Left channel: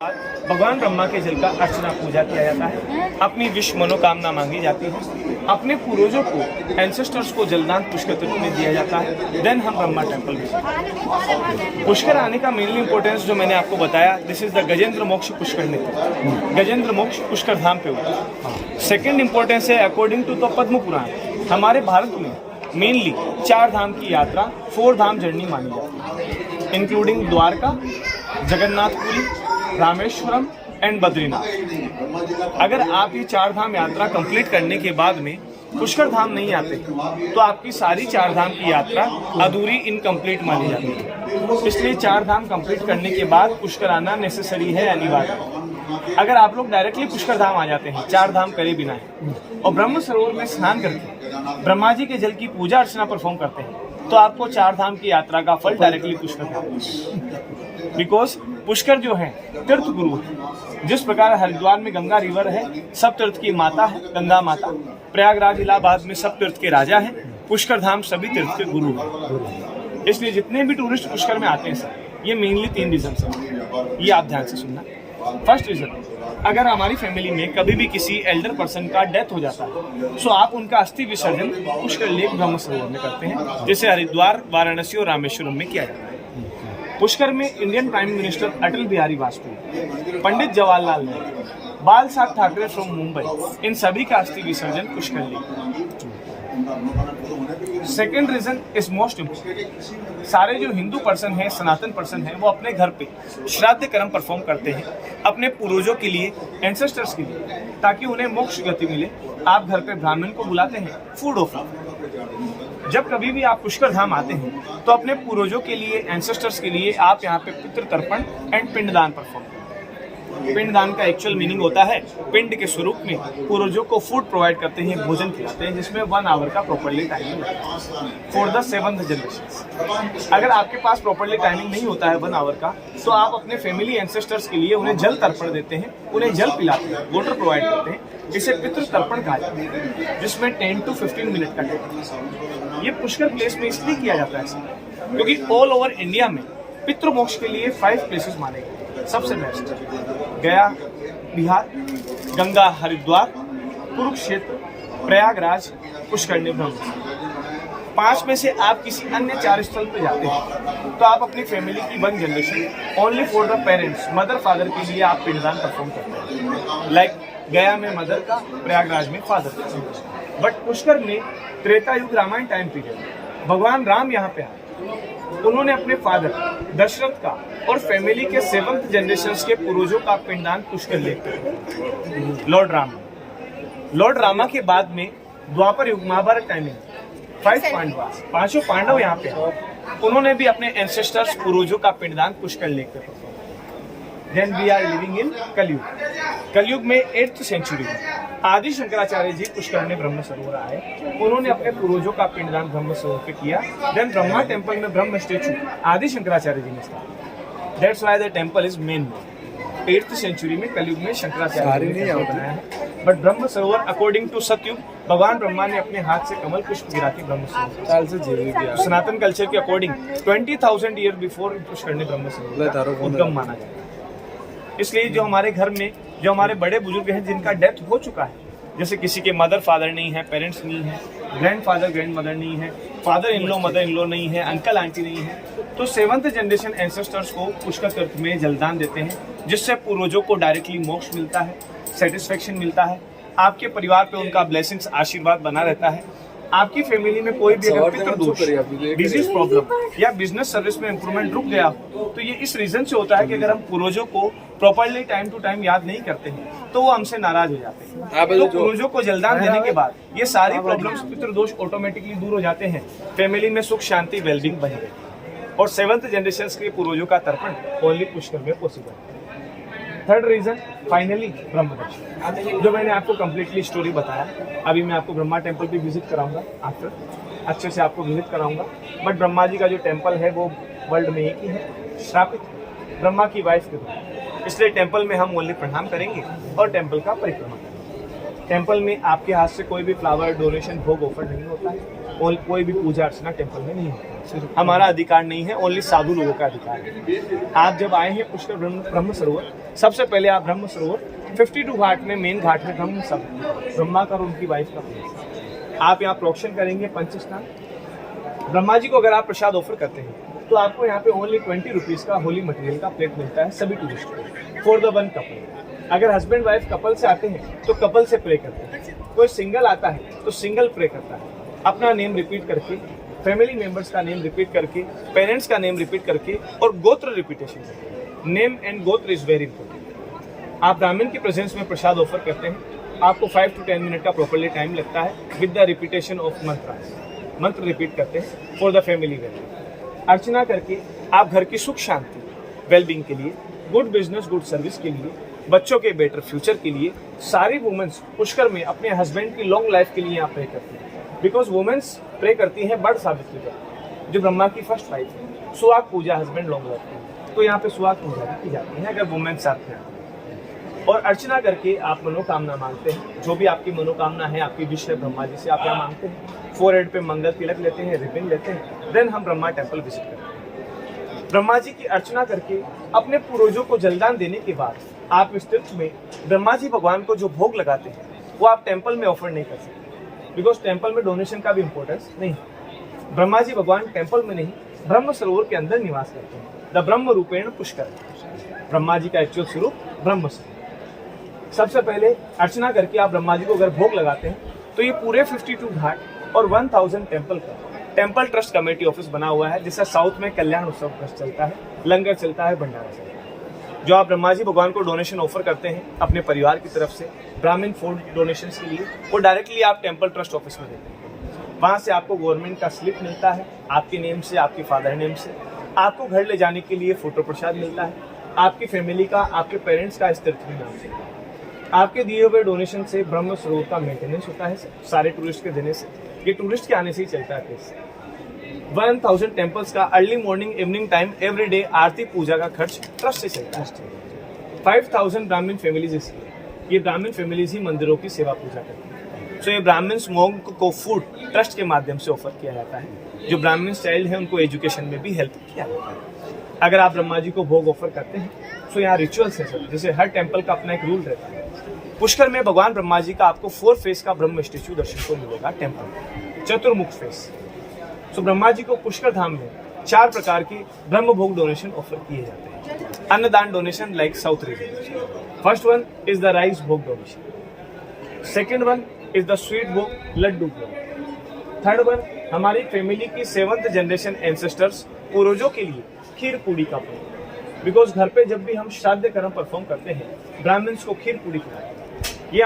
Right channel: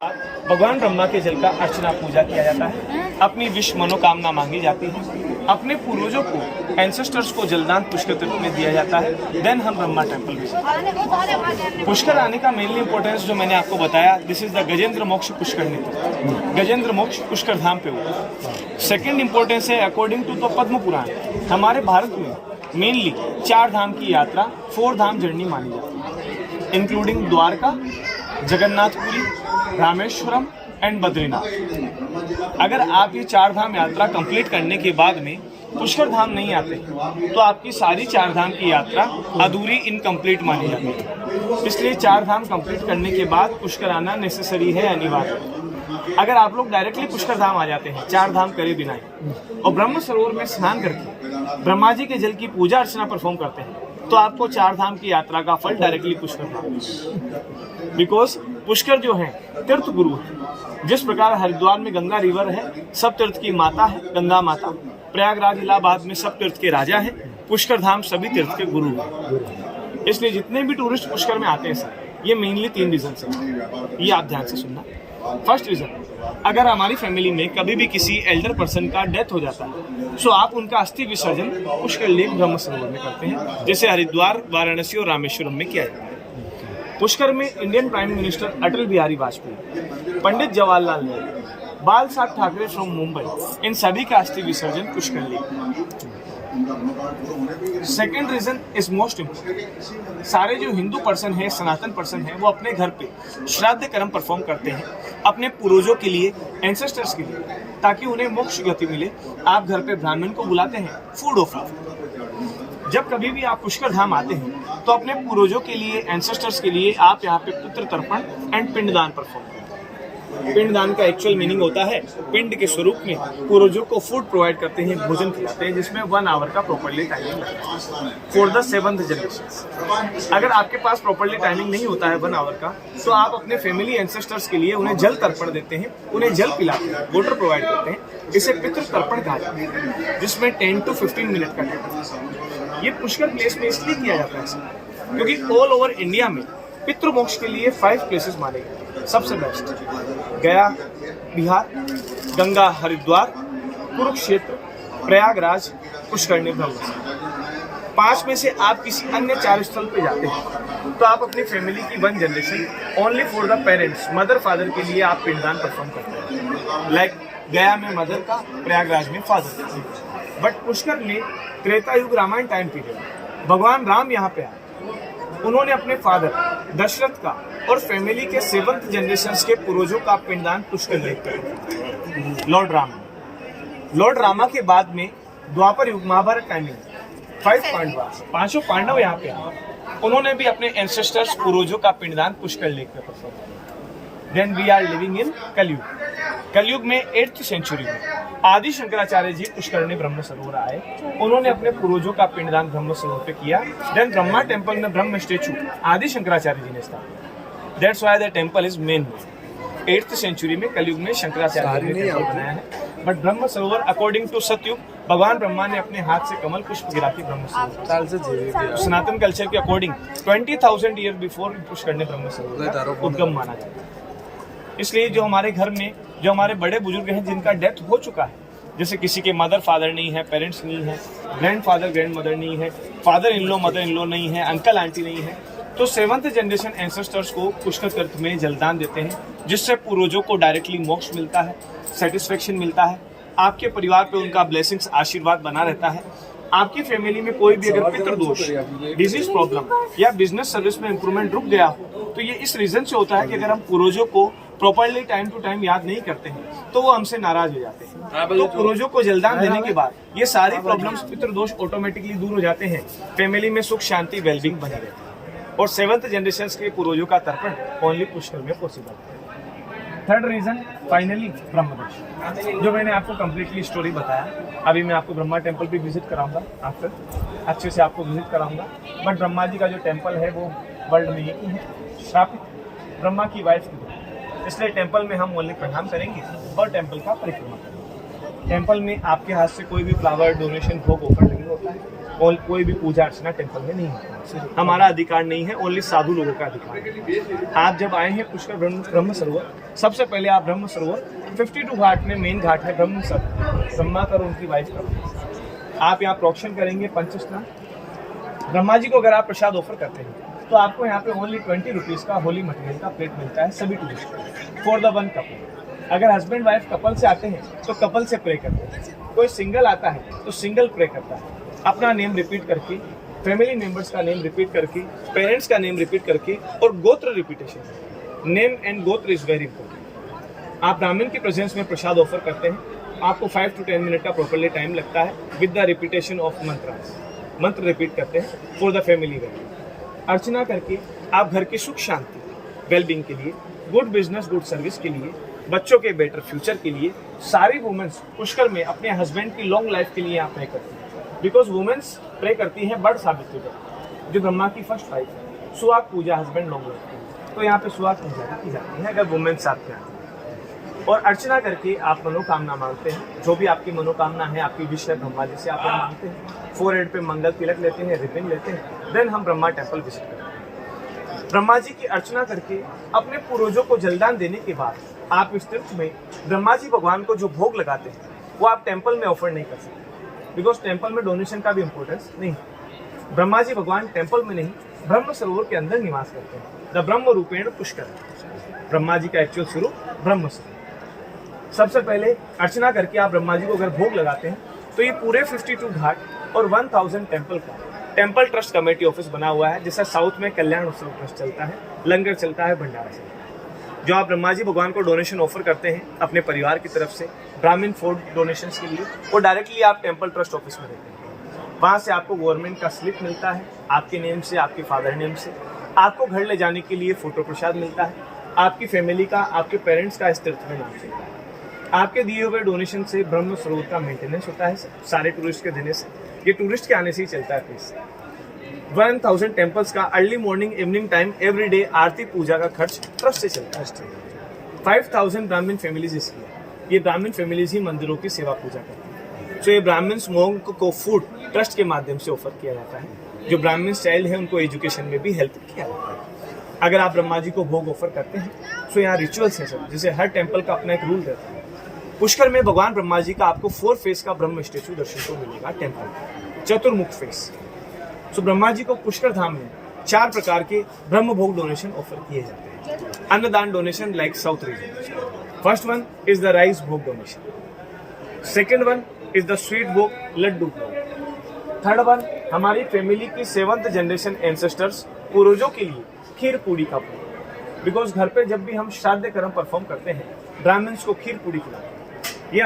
भगवान ब्रह्मा के जल का अर्चना पूजा किया जाता है, अपनी विश मनोकामना मांगी जाती है, अपने पूर्वजों को एंसेस्टर्स को जलदान पुष्कर तीर्थ में दिया जाता है। देन हम ब्रह्मा टेम्पल विजिट। पुष्कर आने का मेनली इंपॉर्टेंस जो मैंने आपको बताया, दिस इज द गजेंद्र मोक्ष पुष्कर नृत्य। गजेंद्र मोक्ष पुष्कर धाम पे हुआ। सेकेंड इंपॉर्टेंस है according to the Padma Purana, हमारे भारत में मेनली 4 धाम की यात्रा 4 धाम जर्नी मानी जाती है, इंक्लूडिंग द्वारका, जगन्नाथपुरी, रामेश्वरम एंड बद्रीनाथ। अगर आप ये 4 धाम यात्रा कंप्लीट करने के बाद में पुष्कर धाम नहीं आते तो आपकी सारी 4 धाम की यात्रा अधूरी इनकम्प्लीट मानी जाती है। इसलिए 4 धाम कंप्लीट करने के बाद पुष्कर आना नेसेसरी है, अनिवार्य। अगर आप लोग डायरेक्टली पुष्कर धाम आ जाते हैं 4 धाम करे बिना और ब्रह्म सरोवर में स्नान करके ब्रह्मा जी के जल की पूजा अर्चना परफॉर्म करते हैं तो आपको 4 धाम की यात्रा का फल directly Pushkar Dham. Because Pushkar जो है तीर्थ गुरु है। जिस प्रकार हरिद्वार में गंगा रिवर है, सब तीर्थ की माता है गंगा माता, प्रयागराज इलाहाबाद में सब तीर्थ के राजा है, पुष्कर धाम सभी तीर्थ के गुरु है। इसलिए जितने भी टूरिस्ट पुष्कर में आते हैं सर, ये मेनली 3 रीजन है, ये आप ध्यान से सुनना। फर्स्ट रीजन, अगर हमारी फैमिली में कभी भी किसी एल्डर पर्सन का डेथ हो जाता है सो आप उनका अस्थि विसर्जन पुष्कर लेक ब्रह्म सरोवर में करते हैं, जैसे हरिद्वार, वाराणसी और रामेश्वरम में किया जाता है। पुष्कर में Indian prime minister Atal Bihari Vajpayee, Pandit Jawaharlal Nehru, बाल साहब ठाकरे फ्रॉम मुंबई, इन सभी का अस्थि विसर्जन Pushkar lake. Second reason is most important, सारे जो हिंदू पर्सन है, सनातन पर्सन है, वो अपने घर पे श्राद्ध कर्म परफॉर्म करते हैं अपने पूर्वजों के लिए, एंसेस्टर्स के लिए, ताकि उन्हें मोक्ष गति मिले। आप घर पे ब्राह्मण को बुलाते हैं, फूड ऑफर। जब कभी भी आप पुष्कर धाम आते हैं तो अपने पूर्वजों के लिए, एंसेस्टर्स के लिए आप यहाँ पे पितृ तर्पण एंड पिंडदान परफॉर्म करते हैं। पिंडदान का एक्चुअल मीनिंग होता है पिंड के स्वरूप में पूर्वजों को फूड प्रोवाइड करते हैं, भोजन खिलाते हैं, जिसमें 1 आवर का properly timing for the 7th generation. अगर आपके पास प्रॉपर्ली टाइमिंग नहीं होता है 1 आवर का, तो आप अपने फैमिली एंसेस्टर्स के लिए उन्हें जल तर्पण देते हैं, उन्हें जल पिलाते हैं, वाटर प्रोवाइड करते हैं। इसे पितृ तर्पण कहा जाता है, जिसमें 10 to 15 मिनट का टाइम है। ये पुष्कर प्लेस में इसलिए किया जाता है क्योंकि ऑल ओवर इंडिया में पितृ मोक्ष के लिए 5 प्लेसेस माने गए। सबसे बेस्ट गया बिहार, गंगा हरिद्वार, कुरुक्षेत्र, प्रयागराज, पुष्करणी ब्रह्म। 5 में से आप किसी अन्य 4 स्थल पे जाते हैं तो आप अपनी फैमिली की 1 generation only for the parents, mother father के लिए आप पिंडदान परफॉर्म करते हैं। लाइक गया में मदर का, प्रयागराज में फादर का। बट पुष्कर में त्रेता युग रामायण टाइम पीरियड भगवान राम यहाँ पे आए, उन्होंने अपने फादर दशरथ का और फैमिली के 7th जनरेशन के पूर्वजों का पिंडदान पुष्कर लेक किया। लॉर्ड रामा के बाद में द्वापर युग महाभारत टाइमिंग 5 पांडव, 5 पांडव यहाँ पे आए, उन्होंने भी अपने एंसेस्टर्स पूर्वजों का पिंडदान पुष्कर लेक पे। Then we are living in Kalyug. Kalyug में 8th सेंचुरी में आदि शंकराचार्य जी पुष्करणी ब्रह्म सरोवर आए, उन्होंने अपने पूर्वजों का पिंडदान ब्रह्म सरोवर पे किया। देन ब्रह्मा टेम्पल में ब्रह्म स्टेचू आदि शंकराचार्य जी ने स्थापित। That's why the temple is main. 8th century में कलयुग में शंकराचार्य जी ने टेम्पल बनाया है। But Brahma Sarovar according to सतयुग भगवान ब्रह्मा ने अपने हाथ से कमल पुष्प गिरा के ब्रह्म सरोवर, सनातन कल्चर के अकॉर्डिंग 20,000 ईयर बिफोर पुष्करणी ब्रह्म सरोवर उद्गम माना जाता है। इसलिए जो हमारे घर में जो हमारे बड़े बुजुर्ग हैं जिनका डेथ हो चुका है, जैसे किसी के मदर फादर नहीं है, पेरेंट्स नहीं है, ग्रैंड फादर ग्रैंड मदर नहीं है, father in law mother in law नहीं है, अंकल आंटी नहीं है, तो 7th जनरेशन एंसेस्टर्स को पुष्कर तीर्थ में जलदान देते हैं, जिससे पूर्वजों को डायरेक्टली मोक्ष मिलता है, सेटिस्फेक्शन मिलता है, आपके परिवार पे उनका ब्लेसिंग्स आशीर्वाद बना रहता है। आपकी फैमिली में कोई भी अगर पितृ दोष, डिजीज प्रॉब्लम या बिजनेस सर्विस में इंप्रूवमेंट रुक गया हो तो ये इस रीजन से होता है कि अगर हम पूर्वजों को प्रॉपर्ली टाइम टू टाइम याद नहीं करते हैं तो वो हमसे नाराज हो जाते हैं। तो पूर्वजों को जलदान देने के बाद ये सारी प्रॉब्लम्स, पितृ दोष ऑटोमेटिकली दूर हो जाते हैं, फैमिली में सुख शांति वेलबींग बनी रहती है। और 7th जनरेशन के पूर्वजों का तर्पण ओनली पुष्कर में पॉसिबल है। थर्ड रीजन फाइनली ब्रह्म दर्शन, जो मैंने आपको कंप्लीटली स्टोरी बताया। अभी मैं आपको ब्रह्मा टेम्पल भी विजिट कराऊंगा, आफ्टर अच्छे से आपको विजिट कराऊंगा। बट ब्रह्मा जी का जो टेम्पल है वो वर्ल्ड में एक ही है, श्रापित ब्रह्मा की वाइफ के रूप, इसलिए टेम्पल में हम ओनली प्रणाम करेंगे और टेम्पल का परिक्रमा करेंगे। टेम्पल में आपके हाथ से कोई भी फ्लावर डोनेशन भोग ऑफर नहीं होता है। और कोई भी पूजा अर्चना टेम्पल में नहीं होती। हमारा अधिकार नहीं है, ओनली साधु लोगों का अधिकार है। आप जब आए हैं पुष्कर ब्रह्म सरोवर, सबसे पहले आप ब्रह्म सरोवर 52 घाट में मेन घाट है ब्रह्मा का और उनकी वाइफ का। आप यहाँ प्रोक्षण करेंगे पंचस्नान। ब्रह्मा जी को अगर आप प्रसाद ऑफर करते हैं तो आपको यहाँ पे ओनली 20 रुपीज़ का होली मटेरियल का प्लेट मिलता है सभी टूरिस्ट को, फॉर द वन कपल। अगर हस्बैंड वाइफ कपल से आते हैं तो कपल से प्रे करते हैं, कोई सिंगल आता है तो सिंगल प्रे करता है। अपना नेम रिपीट करके, फैमिली मेंबर्स का नेम रिपीट करके, पेरेंट्स का नेम रिपीट करके और गोत्र रिपीटेशन। नेम एंड गोत्र इज वेरी इंपॉर्टेंट। आप ब्राह्मण की प्रेजेंस में प्रसाद ऑफर करते हैं, आपको 5 to 10 मिनट का प्रॉपरली टाइम लगता है विद द रिपीटेशन ऑफ मंत्र रिपीट करते हैं फॉर द फैमिली वेलबींग। अर्चना करके आप घर की सुख शांति वेलबींग के लिए, गुड बिजनेस गुड सर्विस के लिए, बच्चों के बेटर फ्यूचर के लिए, सारी वुमेन्स पुष्कर में अपने हस्बैंड की लॉन्ग लाइफ के लिए आप प्रे करती हैं। बिकॉज वुमेन्स प्रे करती हैं बड़ सावित्री का, जो ब्रह्मा की फर्स्ट वाइफ है। सुहाग पूजा हस्बैंड लॉन्ग लाइफ की, तो यहाँ पे सुहाग पूजा भी की जाती है अगर वुमेन्स साथ में आती हैं। और अर्चना करके आप मनोकामना मांगते हैं, जो भी आपकी मनोकामना है, आपकी विश है, ब्रह्मा जी से आप यहाँ मांगते हैं। फोरहेड पे मंगल तिलक लेते हैं, रिबन लेते हैं, देन हम ब्रह्मा टेम्पल विजिट करते हैं। ब्रह्मा जी की अर्चना करके अपने पूर्वजों को जलदान देने के बाद आप इस तीर्थ में ब्रह्मा जी भगवान को जो भोग लगाते हैं वो आप टेम्पल में ऑफर नहीं कर सकते, बिकॉज टेम्पल में डोनेशन का भी इंपॉर्टेंस नहीं है। ब्रह्मा जी भगवान टेम्पल में नहीं, ब्रह्म सरोवर के अंदर निवास करते हैं। द ब्रह्म रूपेण पुष्कर, ब्रह्मा जी का एक्चुअल स्वरूप ब्रह्म सरोवर। सबसे पहले अर्चना करके आप ब्रह्मा जी को अगर भोग लगाते हैं तो ये पूरे 52 घाट और 1000 टेम्पल का टेम्पल ट्रस्ट कमेटी ऑफिस बना हुआ है, जिससे साउथ में कल्याण उत्सव ट्रस्ट चलता है, लंगर चलता है, भंडारा चलता है। जो आप ब्रह्मा जी भगवान को डोनेशन ऑफर करते हैं अपने परिवार की तरफ से ब्राह्मण फूड डोनेशंस के लिए, वो डायरेक्टली आप टेम्पल ट्रस्ट ऑफिस में देते हैं। वहाँ से आपको गवर्नमेंट का स्लिप मिलता है, आपके नेम से, आपके फादर नेम से। आपको घर ले जाने के लिए फोटो प्रसाद मिलता है, आपकी फैमिली का, आपके पेरेंट्स का इस तीर्थ में नाम से। आपके दिए हुए डोनेशन से ब्रह्म सरोवर का मेंटेनेंस होता है सारे टूरिस्ट के देने से। ये टूरिस्ट के आने से ही चलता है पैसे। 1000 टेम्पल्स का early morning evening time every day आरती पूजा का खर्च ट्रस्ट से चलता है। 5000 ब्राह्मण फैमिलीज इसकी, ये ब्राह्मण फैमिलीज ही मंदिरों की सेवा पूजा करती हैं। तो ये ब्राह्मण्स मोंग को फूड ट्रस्ट के माध्यम से ऑफर किया जाता है। जो ब्राह्मण चाइल्ड है उनको एजुकेशन में भी हेल्प किया जाता है। अगर आप ब्रह्मा जी को भोग ऑफर करते हैं तो यहाँ रिचुअल्स है सब, जैसे हर टेम्पल का अपना एक रूल रहता है। पुष्कर में भगवान ब्रह्मा जी का आपको 4 फेस का ब्रह्म स्टेचू दर्शन को मिलेगा टेम्पल में, चतुर्मुख फेस। तो ब्रह्मा जी को पुष्कर धाम में 4 प्रकार के ब्रह्म भोग डोनेशन ऑफर किए जाते हैं। अन्नदान donation like south region. First one is the rice bhog donation, second one is the sweet bhog laddu भोग, थर्ड वन हमारी फैमिली की 7th जनरेशन एंसेस्टर्स पूर्वजों के लिए खीर पूड़ी का भोग। बिकॉज घर पे जब भी हम श्राद्ध कर्म परफॉर्म करते हैं ब्राह्मण्स को खीर पूड़ी खिलाते हैं। ये